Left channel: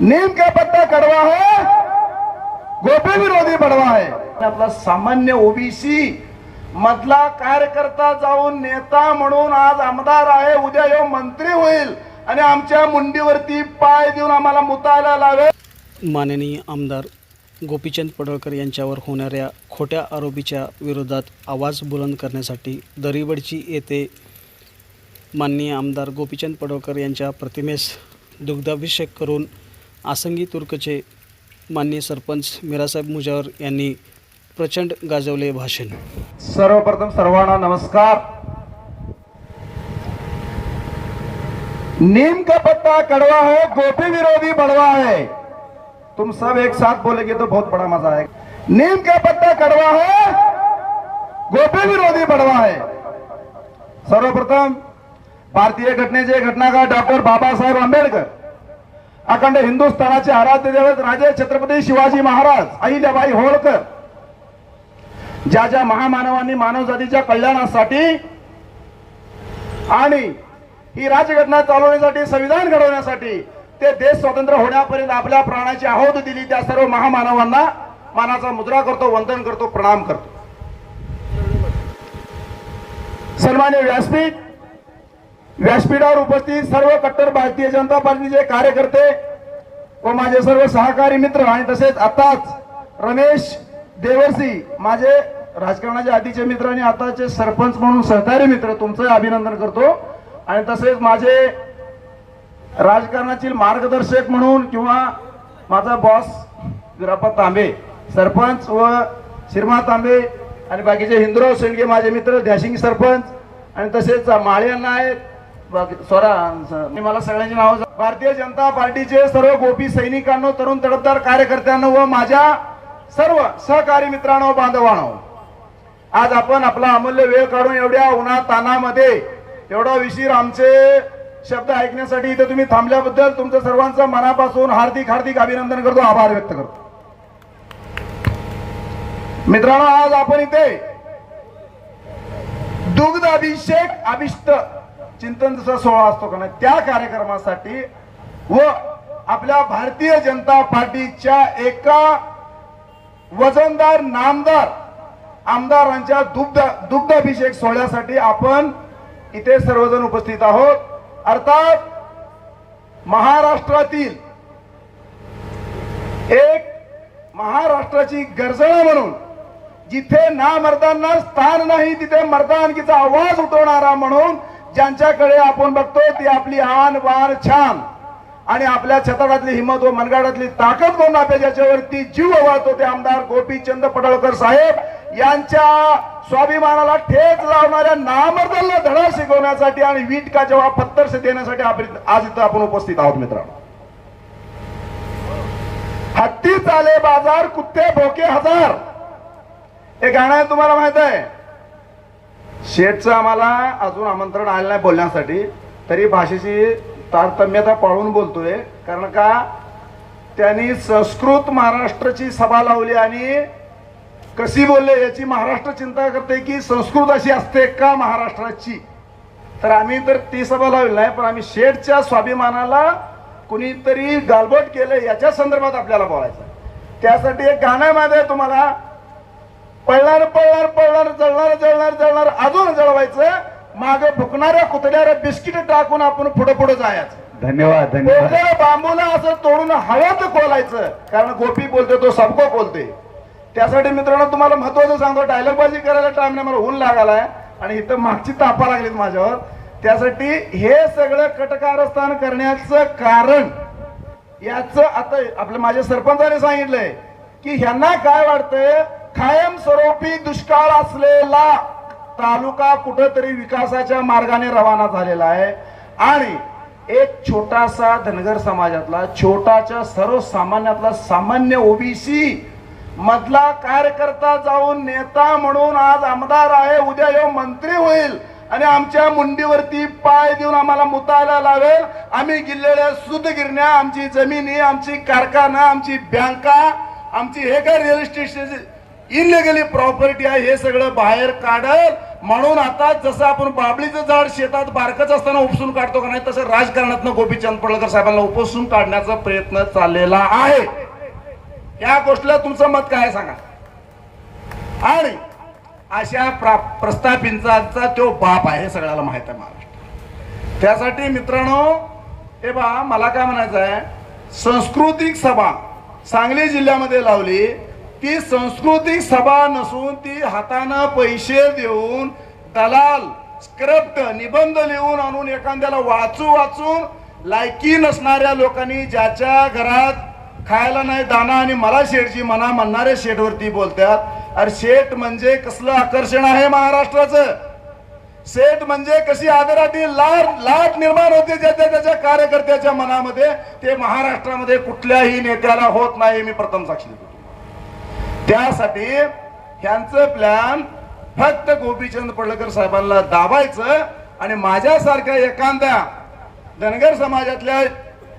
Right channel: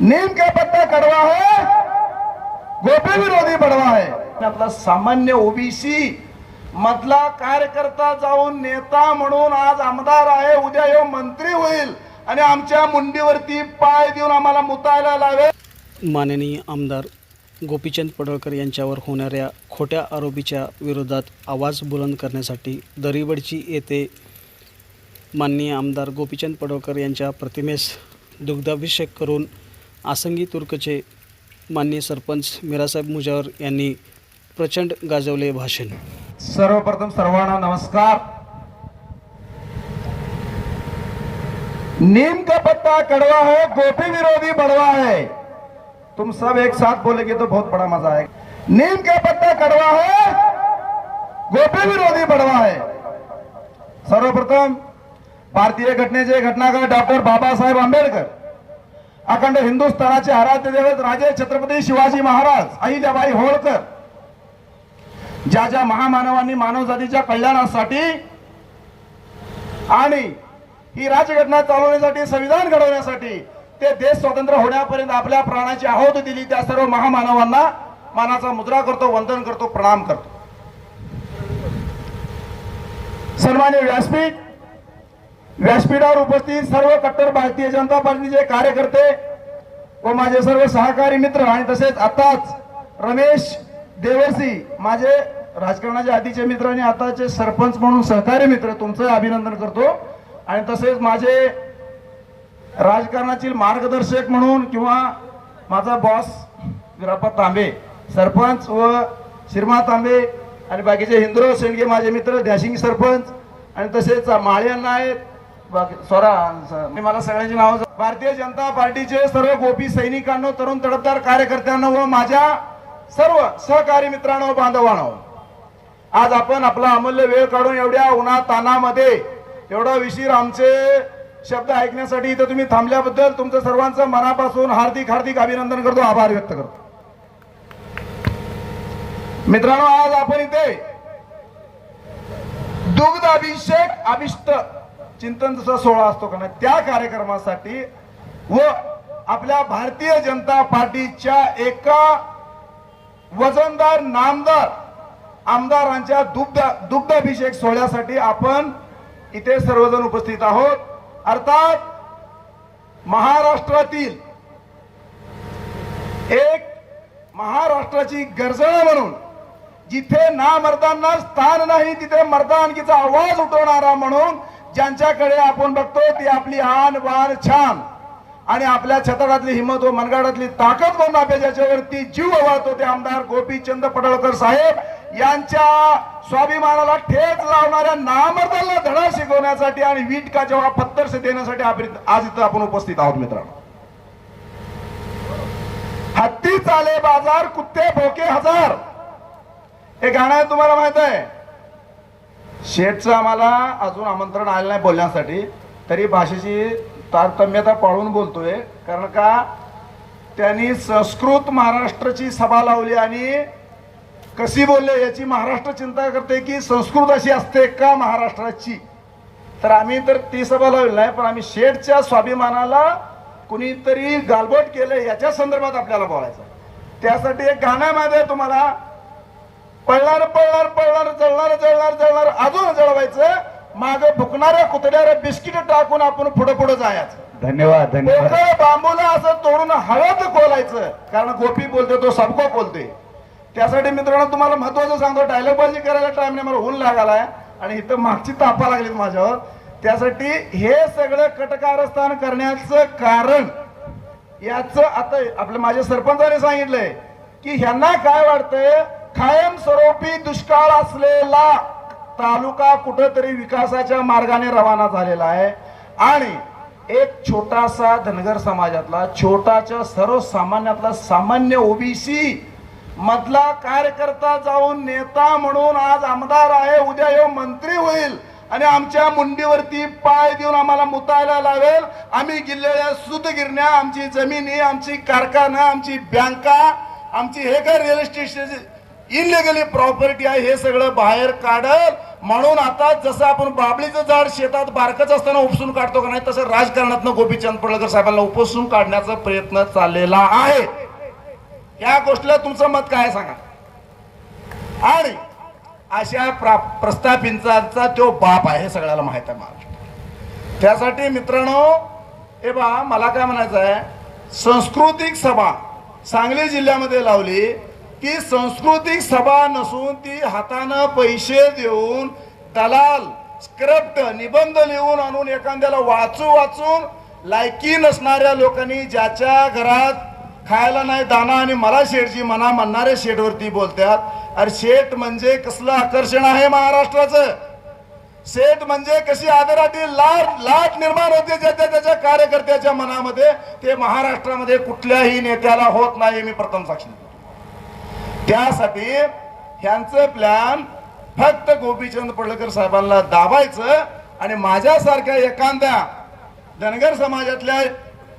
नीम का पत्ता कड़वा है गोपी विरोधी बडवा आहे आपला सामान्य ओबीसी मधला कार्यकर्ता जाऊन नेता म्हणून आज आमदार आहे उद्या ह्यो मंत्री होईल आणि आमच्या मुंडीवरती पाय देऊन आम्हाला मुतायला लावेल. माननीय आमदार गोपीचंद पडळकर यांच्यावर होणाऱ्या खोट्या आरोपीच्या विरोधात आवाज बुलंद करण्यासाठी दरीवडची येथे माननीय आमदार गोपीचंद पडळकर यांच्या प्रतिमेस दुग्धाभिषेक करून आसंगी तुर्कचे माननीय सरपंच मिरासाहेब मुजावर यांनी प्रचंड गाजवले भाषण. सर्वप्रथम सर्वांना नमस्कार. नीम का पत्ता कड़वा है गोपी विरोधी बड़वा है तुम सब एक साथ बोलेगे तो बहुत बड़ा मजा आएगा. नीम का पत्ता कड़वा है गोपी विरोधी बड़वा है. सर्वप्रथम भारतीय घटनेचे घटनाकार डॉक्टर बाबासाहेब आंबेडकर. अखंड हिंदुस्थानाचे आराध्य दैवत राजे छत्रपती शिवाजी महाराज अहिल्याबाई होळकर. ज्या ज्या महामानवांनी मानवजातीच्या कल्याणासाठी आणि ही राज्यघटना चालवण्यासाठी संविधान घडवण्यासाठी ते देश स्वतंत्र होण्यापर्यंत आपल्या प्राणाची आहुती दिली त्या सर्व महामानवांना मानाचा मुद्रा करतो वंदन करतो प्रणाम करतो. सन्मान्य व्यासपीठ व्यासपीठावर उपस्थित सर्व कट्टर भारतीय जनता पार्टीचे कार्यकर्ते व माझे सर्व सहकारी मित्र आणि तसेच आताच रमेश देवर्सी माझे राजकारणाचे आधीचे मित्र आणि आताचे सरपंच म्हणून सहकारी मित्र तुमचं अभिनंदन करतो. आणि तसेच माझे राजकारणातील मार्गदर्शक म्हणून किंवा माझा बॉस विरापा तांबे सरपंच व शिरमा तांबे आणि बाकीचे हिंदुराव शेंडगे माझे मित्र दॅशिंग सरपंच आणि तसेच माळे यांना आहेत. स्वरा मला सगळ्यांची नाव भारतीय जनता पार्टीचे सर्व गोपी सैनिकांनो तरुण तडफदार कार्यकर्त्यांनो व माझ्या सर्व सहकारी मित्रांनो बांधवांनो आज आपण आपला अमूल्य वेळ काढून एवढ्या उन्हा तानामध्ये एवढा विशीर आमचे शब्द ऐकण्यासाठी इथे तुम्ही थांबल्याबद्दल तुमचं सर्वांचं मनापासून हार्दिक हार्दिक अभिनंदन करतो आभार व्यक्त करतो. मित्रांनो आज आपण इथे दुग्ध अभिषेक अभिष्ट चिंतन जसा सोहळा असतो का नाही त्या कार्यक्रमासाठी व आपल्या भारतीय जनता पार्टीच्या एका वजनदार नामदार आमदारांच्या दुग्ध दुग्धाभिषेक सोहळ्यासाठी आपण इथे सर्वजण उपस्थित आहोत. अर्थात महाराष्ट्रातील एक महाराष्ट्राची गर्जना म्हणून जिथे ना मर्दांना स्थान नाही तिथे मर्दानकीचा आवाज उठवणारा म्हणून ज्यांच्याकडे आपण बघतो ती आपली आन वार छान. आणि आपल्या छताडातली हिंमत व मनगाडातली ताकद म्हणून आपल्या ज्याच्यावरती जीव वाहतो ते आमदार गोपीचंद पडळकर साहेब. यांच्या स्वाभिमानाला ठेच लावणाऱ्या नामर्दांना धडा शिकवण्यासाठी आणि वीट का जेव्हा पत्तरसे देण्यासाठी आपण आज इथं आपण उपस्थित आहोत मित्रांनो. हत्ती चाले बाजार कुत्ते भोके हजार. हे गाणं आहे तुम्हाला माहीत आहे. शेठचं आम्हाला अजून आमंत्रण आलेलं नाही बोलण्यासाठी. तरी भाषेची तारतम्यता पाळून बोलतोय. कारण का त्यांनी संस्कृत महाराष्ट्राची सभा लावली आणि कशी बोलले याची महाराष्ट्र चिंता करते की संस्कृत अशी असते का महाराष्ट्राची? तर आम्ही तर ती सभा लावली नाही पण आम्ही शेठच्या स्वाभिमानाला कुणीतरी गालबोट केलं याच्या संदर्भात आपल्याला बोलायचं त्यासाठी एक गाणं आहे तुम्हाला. पळणार पळणार पळणार जळणार जळणार जळणार अजून जळवायचं. माग भुकणाऱ्या कुत्र्याला बिस्किट टाकून आपण पुढे पुढे जायचं. धन्यवाद धन्यवाद. बांबूला असं तोडून हव्यात खोलायचं कारण गोपी बोलते तो सबको बोलते त्यासाठी मित्रांनो तुम्हाला महत्वाचं सांगतो डायलॉग बाजी करायला टाइम नाही मला ऊन लागालाय. आणि इथं मागची तापा लागली माझ्यावर. त्यासाठी हे सगळं कटकारस्थान करण्याचं कारण याच आता आपल्या माझ्या सरपंचाने सांगितलंय की ह्यांना काय वाटतंय कायमस्वरूपी दुष्काळ असलेला तालुका कुठंतरी विकासाच्या मार्गाने रवाना झालेला आहे. आणि एक छोटासा धनगर समाजातला छोटाच्या सर्वसामान्यातला सामान्य ओबीसी मधला कार्यकर्ता जाऊन नेता म्हणून आज आमदार आहे उद्या ह्यो मंत्री होईल. आणि आमच्या मुंडीवरती पाय देऊन आम्हाला मुतायला लावेल. आम्ही गिरलेल्या सुतगिरण्या आमची जमिनी आमची कारखाना आमची बँका आमची हे काय रिअल इस्टेट इनलिगली प्रॉपर्टी आहे हे सगळं बाहेर काढल. म्हणून आता जसं आपण बाबळीचं झाड शेतात बारकच असताना उपसून काढतो का नाही तसं राजकारणातनं गोपीचंद पडळकर साहेबांना उपसून काढण्याचा प्रयत्न चाललेला आहे. या गोष्टीला तुमचं मत काय सांगा? आणि अशा प्रा- प्रस्थापितांचा तो बाप आहे सगळ्याला माहीत आहे महाराष्ट्र. त्यासाठी मित्रांनो हे बा मला काय म्हणायचं आहे सांस्कृतिक सभा सांगली जिल्ह्यामध्ये लावली ती सांस्कृतिक सभा नसून ती हातानं पैसे देऊन दलाल स्क्रिप्ट निबंध लिहून आणून एखाद्याला वाचू वाचून लायकी नसणाऱ्या लोकांनी ज्याच्या घरात खायला नाही दाना आणि मला शेठची म्हणा म्हणणाऱ्या शेठवरती बोलतात अरे शेठ म्हणजे कसलं आकर्षण आहे महाराष्ट्राचं? शेठ म्हणजे कशी आदरातील लाट लाट निर्माण होते ज्याच्या त्याच्या कार्यकर्त्याच्या मनामध्ये? ते महाराष्ट्रामध्ये कुठल्याही नेत्याला होत नाही मी प्रथम साक्षी देतो त्यासाठी ह्यांचं प्लॅन फक्त गोपीचंद पडळकर साहेबांना दाबायचं आणि माझ्यासारख्या एखाद्या धनगर समाजातल्या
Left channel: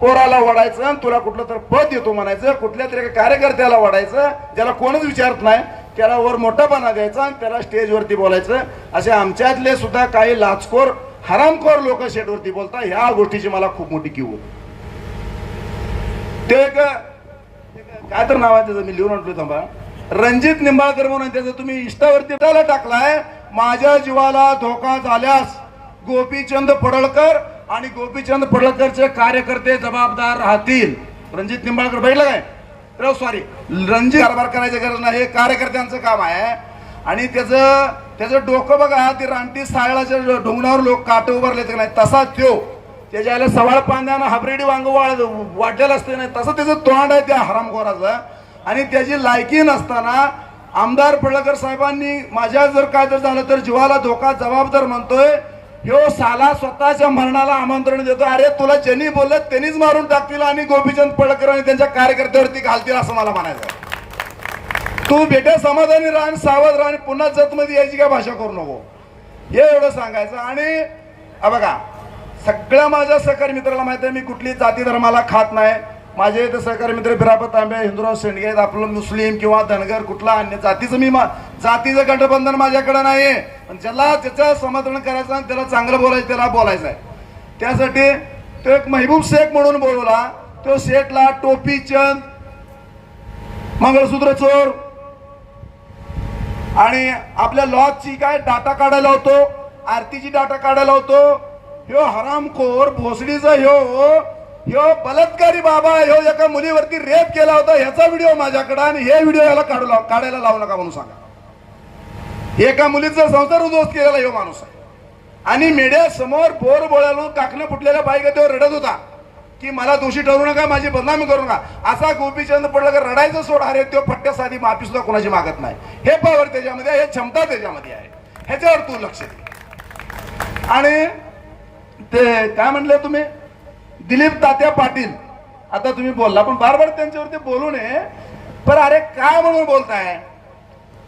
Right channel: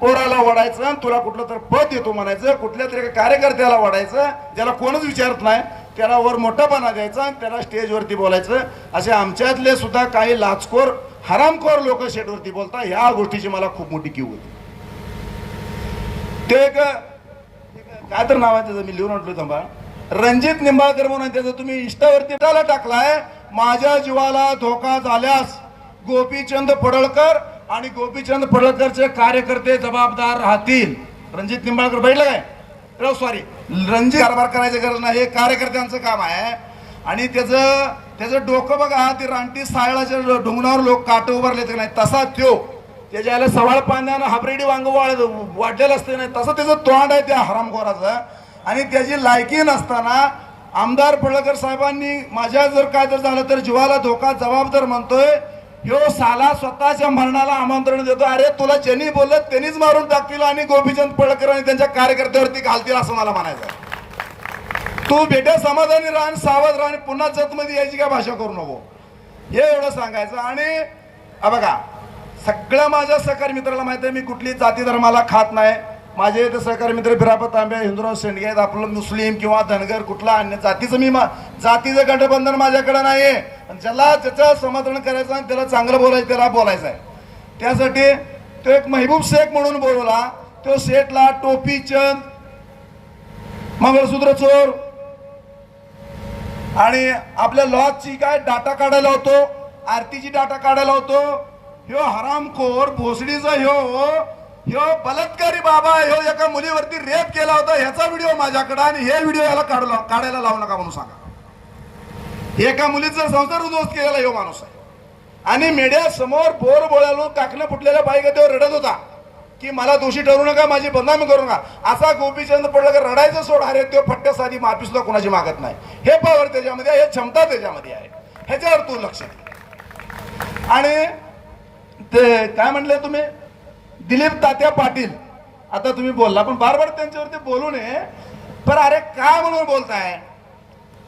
पोराला वडायचं आणि तुला कुठलं तर पद देतो म्हणायचं कुठल्या तरी कार्यकर्त्याला वाढायचं ज्याला कोणच विचारत नाही त्याला वर मोठापणा द्यायचा आणि त्याला स्टेजवरती बोलायचं. असे आमच्यातले सुद्धा काही लाचखोर हरामखोर लोक शेटवरती बोलता ह्या गोष्टीची मला खूप मोठी किव होती. ते एक काय तर नाव आहे त्याचं मी लिहून आणलो थांबा. रणजित निंबाळकर म्हणून त्याचं तुम्ही इष्टावरती त्याला टाकलाय. माझ्या जीवाला धोका झाल्यास गोपीचंद पडळकर आणि गोपीचंद पडळकरचे कार्यकर्ते जबाबदार राहतील. रणजित निंबाळकर बैठलं सॉरी रणजित कारभार करायची गरज नाही. हे कार्यकर्त्यांचं काम आहे. आणि त्याचं त्याचं डोकं बघा ते रानटी सायळाच्या डोंगरावर लोक काट उभारले की नाही. तसा त्यो. त्याच्या सवाळ पाण्यानं हाबरेडी वांग वाढलेलं असते नाही तसं त्याचं तोंड आहे त्या हरामखोराचं. आणि त्याची लायकी नसताना आमदार पडळकर साहेबांनी माझ्या जर काय जर झालं तर जीवाला धोका जबाबदार म्हणतोय. ह्यो साला स्वतःच्या मरणाला आमंत्रण देतो अरे तुला ज्यांनी बोललं त्यांनीच मारून टाकतील आणि गोपीचंद पडळकर आणि त्यांच्या कार्यकर्त्यावरती घालतील असं मला म्हणायचं तू बेटा समाधानी राहा सावध राहण पुन्हा जतमध्ये यायची काय भाषा करू नको. हे एवढं सांगायचं. आणि बघा सगळ्या माझ्या सहकारी मित्राला माहिती आहे मी कुठली जाती धर्माला खात नाही. माझे इथं सहकारी मित्र बिरापत तांबे हिंदुराव शेंडगे आपलं मुस्लिम किंवा धनगर कुठला अन्य जातीचं मी मा- जातीचं गठबंधन माझ्याकडे नाही पण ज्याला त्याचं समर्थन करायचं आणि त्याला चांगलं बोलायचं त्याला बोलायचं आहे. त्यासाठी तो एक महबूब शेख म्हणून बोलवला. तो शेठला टोपी चंद मंगळसूत्र चोर आणि आपल्या लॉजची काय डाटा काढायला होतो आरतीची डाटा काढायला होतो. ह्यो हरामखोर भोसडीचा ह्यो ह्यो बलात्कारी बाबा ह्यो एका मुलीवरती रेप केला होता ह्याचा व्हिडिओ माझ्याकडे आणि हे व्हिडिओ याला काढू लाव- काढायला लावू नका म्हणून सांगा. एका मुलीचा संसार उद्ध्वस्त केलेला ह्यो माणूस आहे. आणि मेड्या समोर बोर बोळालो काकणं फुटलेल्या बाईगतीवर रडत होता की मला दोषी ठरू नका माझी बदनामी करू नका. असा गोपीचंद पडळकर रडायचं सोड अरे तो फट्ट्या साधी माफी सुद्धा कोणाची मागत नाही. हे पावर त्याच्यामध्ये हे क्षमता त्याच्यामध्ये आहे. ह्याच्यावर तू लक्ष दे. आणि ते काय म्हणले तुम्ही? दिलीप तात्या पाटील. आता तुम्ही बोलला पण बार बार त्यांच्यावरती बोलू नये. पण अरे काय म्हणून बोलताय?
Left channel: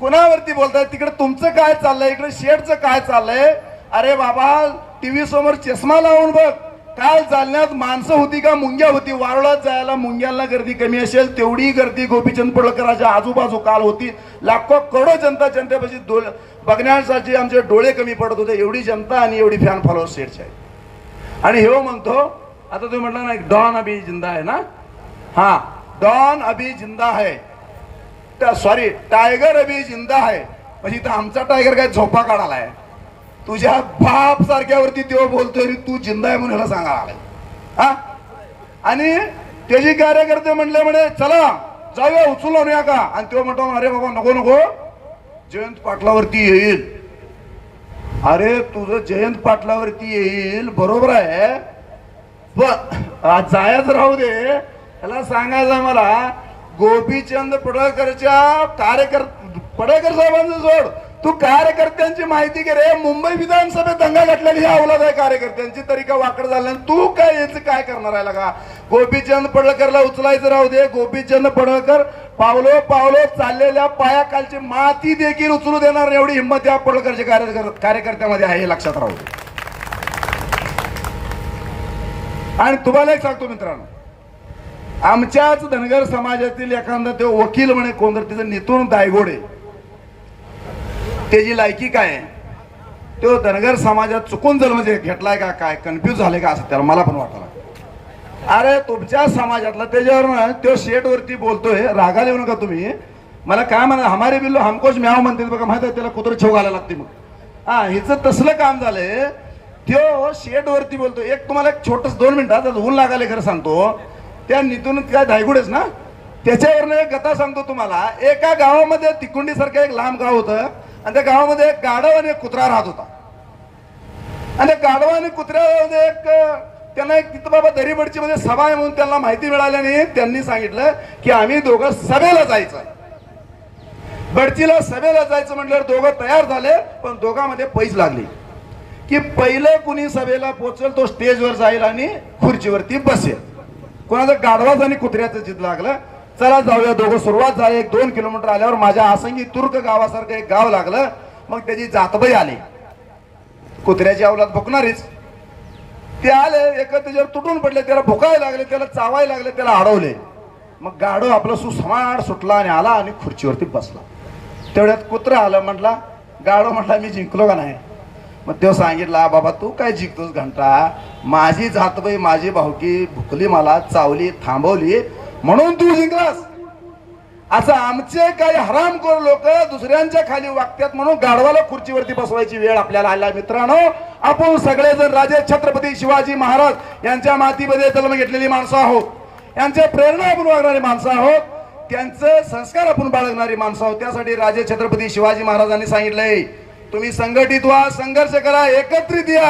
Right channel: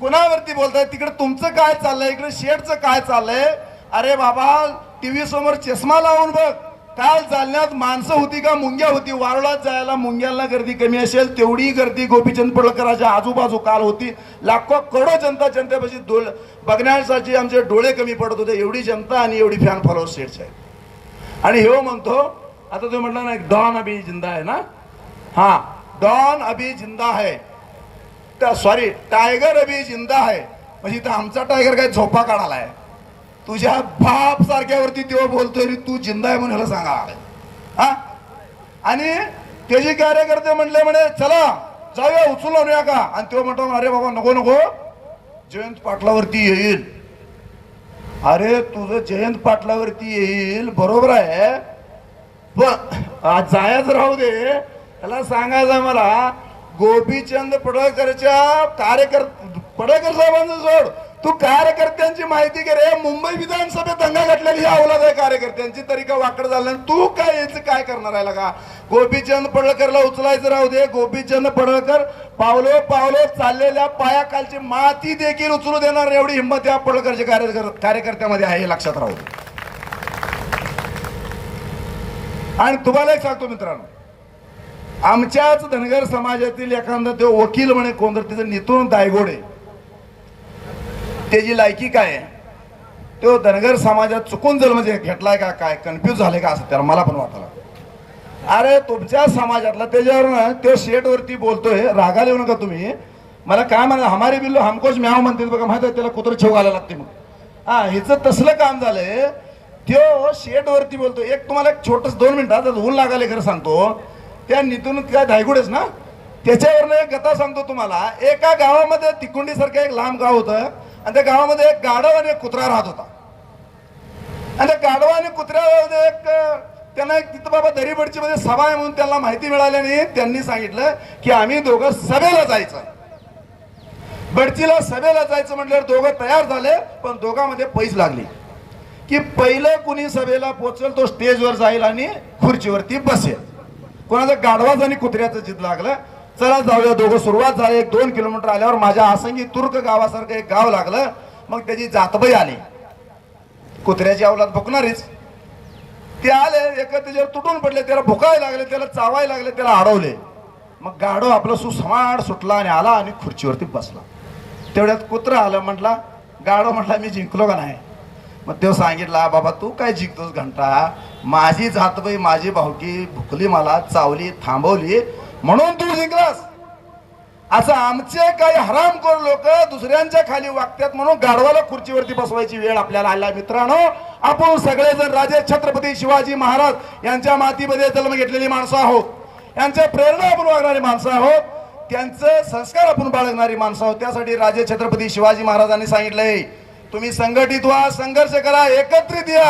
कुणावरती बोलताय? तिकडे तुमचं काय चाललंय? इकडे शेडचं काय चाललंय? अरे बाबा टीव्ही समोर चष्मा लावून बघ. काल जालन्यात माणसं होती का मुंग्या होती? वारुळात जायला मुंग्यांना गर्दी कमी असेल तेवढी गर्दी गोपीचंद पडळकरांच्या आजूबाजू काल होती. लाखो करोडो जनता जनतेपाशी डोळ बघण्यासाठी आमचे डोळे कमी पडत होते. एवढी जनता आणि एवढी फॅन फॉलोअर शेडची आहे आणि हे हो म्हणतो आता तुम्ही म्हटलं ना एक डॉन अभी जिंदा आहे ना? हा डॉन अभी जिंदा है. सॉरी टायगर अभी जिंदा आहे म्हणजे इथं आमचा टायगर काय झोपा काढालाय तुझ्या बाप सारख्यावरती तो बोलतोय तू जिंदा आहे म्हणून ह्याला सांगा हा? आणि त्याची कार्यकर्ते म्हणले म्हणे चला जाऊया उचलून आणूया का? आणि तो म्हणतो अरे बाबा नको नको. जयंत पाटलावरती येईल. अरे तुझं जयंत पाटलावरती येईल बरोबर आहे. जायच राहू दे. त्याला सांगायचं मला गोपीचंद पडळकरच्या कार्यकर पडळकर साहेबांचं सोड तू कार्यकर्त्यांची माहिती घे रे. मुंबई विधानसभेत दंगा घातलेली ही अवलाद आहे कार्यकर्त्यांची. तरी का वाकड झालं? तू काय याचं काय करणार आहे का गोपीचंद पडळकरला उचलायचं राहू दे. गोपीचंद पडळकर पावलो पावलो चाललेल्या पायाखालची माती देखील उचलू देणार. एवढी हिंमत या पडळकरच्या कार्यकर- कार्यकर्त्यामध्ये आहे हे लक्षात राहू दे. आणि तुम्हाला एक सांगतो मित्रांनो. आमच्याच धनगर समाजातील एखादा तो वकील म्हणे कोण तर तिचं नितून दायगोडे. त्याची लायकी काय आहे? तो धनगर समाजात चुकून जर म्हणजे घेतलाय का काय? कन्फ्यूज झाले का असं त्याला मला पण वाटलं अरे तुमच्या समाजातला त्याच्यावर ना तो शेटवरती बोलतोय. रागाला येऊ नका तुम्ही. मला काय म्हणा हमारे बिल्लो हमकोच म्याव म्हणते बघा माहीत आहे? त्याला कुत्र छेव घालायला लागते मग हा हिचं तसलं काम झालंय. त्यो शेड वरती बोलतो. एक तुम्हाला एक छोटस दोन मिनिटात ऊन लागाले खरं सांगतो. त्या नितून काय धायगुडेच ना? त्याच्यावरनं एक गता सांगतो तुम्हाला. एका गावामध्ये तिकुंडी सारखं एक लांब गाव होतं आणि त्या गावामध्ये एक गाढव आणि एक कुत्रा राहत होता. आणि त्या गाढवा आणि कुत्र्यामध्ये एक त्यांना एक तिथं बाबा दरीबडची मध्ये सभा आहे म्हणून त्यांना माहिती मिळाल्याने त्यांनी सांगितलं की आम्ही दोघं सभेला जायचं. गडचीला सभेला जायचं म्हटल्यावर दोघं तयार झाले पण दोघांमध्ये पैस लागली. की पहिलं कुणी सभेला पोचल तो स्टेजवर जाईल आणि खुर्चीवरती बसेल. कोणाचं गाढवाच आणि कुत्र्याचं जिद लागलं. चला जाऊया दोघं सुरुवात झाली. एक दोन किलोमीटर आल्यावर माझ्या आसंगी तुर्क गावासारखं एक गाव लागलं. मग त्याची जातबाई आली. कुत्र्याची अवलाद भुकणारीच. ते आले एक त्याच्यावर तुटून पडले. त्याला भुकायला लागले त्याला चावायला लागले त्याला अडवले. मग गाडो आपलं सुसमाड सुटला आणि आला आणि खुर्चीवरती बसला. तेवढ्यात कुत्रा आलं म्हटला गाडो म्हटला मी जिंकलो का नाही? मग तो सांगितला बाबा तू काय जिंकतोस घंटा? माझी जातबाई माझी भावकी भुकली मला चावली थांबवली म्हणून तू जिंकलास. असं आमचे काही हरामखोर लोक दुसऱ्यांच्या खाली वागतात म्हणून गाढवाला खुर्चीवरती बसवायची वेळ आपल्याला आला मित्रांनो आपण सगळेजण राजे छत्रपती शिवाजी महाराज यांच्या मातीमध्ये जन्म घेतलेली माणसं आहोत. यांच्या प्रेरणा आपण वागणारी माणसं आहोत. त्यांचे संस्कार आपण बाळगणारी माणसं आहोत. त्यासाठी राजे छत्रपती शिवाजी महाराजांनी सांगितलंय तुम्ही संघटित व्हा संघर्ष करा एकत्रित या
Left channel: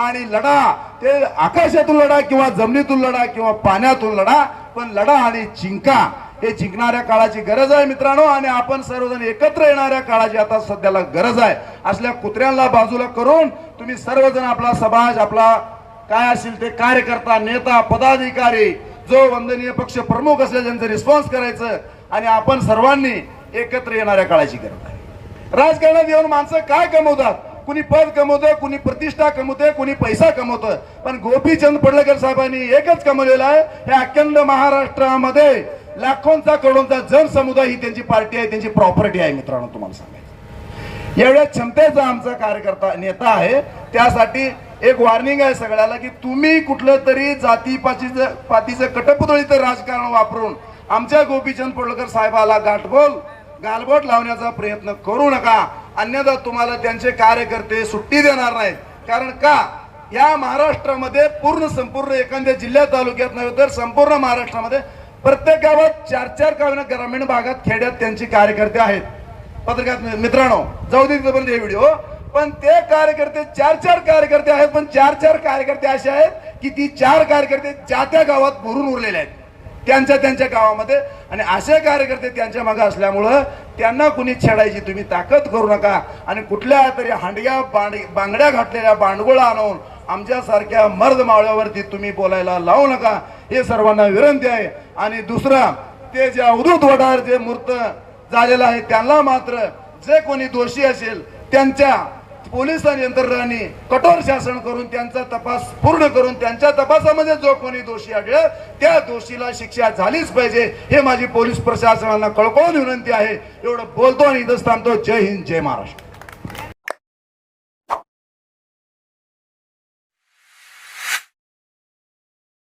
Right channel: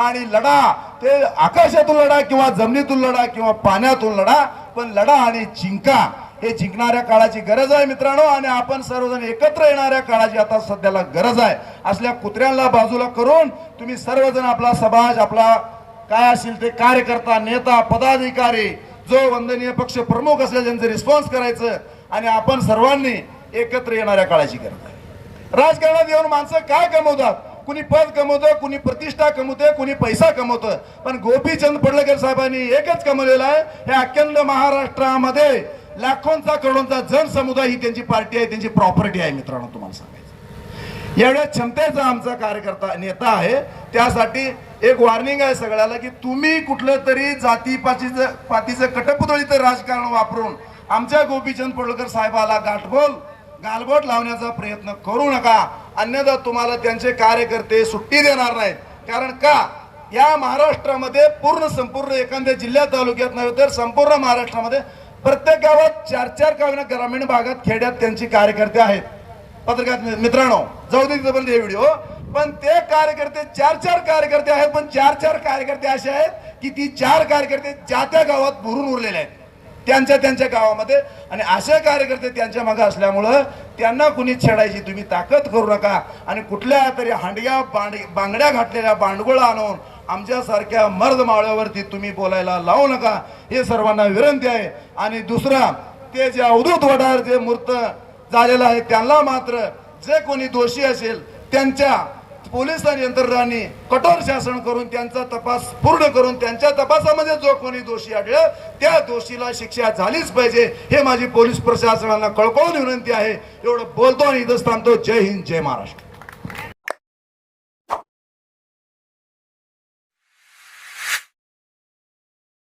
आणि लढा. ते आकाशातून लढा किंवा जमिनीतून लढा किंवा पाण्यातून लढा पण लढा आणि जिंका हे जिंकणाऱ्या काळाची गरज आहे मित्रांनो. आणि आपण सर्वजण एकत्र येणाऱ्या काळाची आता सध्याला गरज आहे. असल्या कुत्र्यांना बाजूला करून तुम्ही सर्वजण आपला समाज आपला काय असेल ते कार्यकर्ता नेता पदाधिकारी जो वंदनीय पक्ष प्रमुख असेल त्यांचं रिस्पॉन्स करायचं. आणि आपण सर्वांनी एकत्र येणाऱ्या काळाची गरज आहे. राजकारणात येऊन माणसं काय कमवतात? कुणी पद कमवतं कुणी प्रतिष्ठा कमवते कुणी पैसा कमवतं पण गोपीचंद पडळकर साहेबांनी एकच कमवलेला आहे हे अखंड महाराष्ट्रामध्ये लाखोंचा करोडोंचा जनसमुदाय ही त्यांची पार्टी आहे त्यांची प्रॉपर्टी आहे मित्रांनो तुम्हाला सांगायचं. एवढ्या क्षमतेचा आमचा कार्यकर्ता नेता आहे त्यासाठी एक वॉर्निंग आहे सगळ्याला की तुम्ही कुठलं तरी जाती पातीचं पातीचं कटपुतळीचं राजकारण वापरून आमच्या गोपीचंद पडळकर साहेबाला गाठबोल गालबोट लावण्याचा प्रयत्न करू नका. अन्यथा तुम्हाला त्यांचे कार्यकर्ते सुट्टी देणार नाहीत. कारण का? या महाराष्ट्रामध्ये पूर्ण संपूर्ण एखाद्या जिल्ह्यात तालुक्यात नव्हे तर संपूर्ण महाराष्ट्रामध्ये प्रत्येक गावात चार चार गावांना ग्रामीण भागात खेड्यात त्यांचे कार्यकर्ते आहेत. पत्रकार मित्रांनो जाऊ दे तिथपर्यंत हे व्हिडिओ पण ते कार्यकर्ते चार चार कार्यकर्ते आहेत पण चार चार कार्यकर्ते असे आहेत की ती चार कार्यकर्ते ज्या त्या गावात भरून उरलेले आहेत. त्यांच्या त्यांच्या गावामध्ये. आणि असे कार्यकर्ते त्यांच्या मागे असल्यामुळं त्यांना कुणी छेडायची तुम्ही ताकद करू नका. आणि कुठल्या तरी हांडग्या बांड बांगड्या घातलेल्या बांडगोळा आणून आमच्यासारख्या मर्द मावळ्यावरती तुम्ही बोलायला लावू नका. हे सर्वांना विनंती आहे. आणि दुसरा ते जे अवधूत वडार जे मूर्त झालेलं आहे त्यांना मात्र जे कोणी दोषी असेल त्यांच्या पोलीस आणि यंत्रणांनी कठोर शासन करून त्यांचा तपास पूर्ण करून त्यांच्या तपासामध्ये जो कोणी दोषी आढळ त्या दोषीला शिक्षा झालीच पाहिजे हे माझी पोलीस प्रशासनाला कळकळून विनंती आहे. एवढं बोलतो आणि इथंच थांबतो. जय हिंद जय महाराष्ट्र.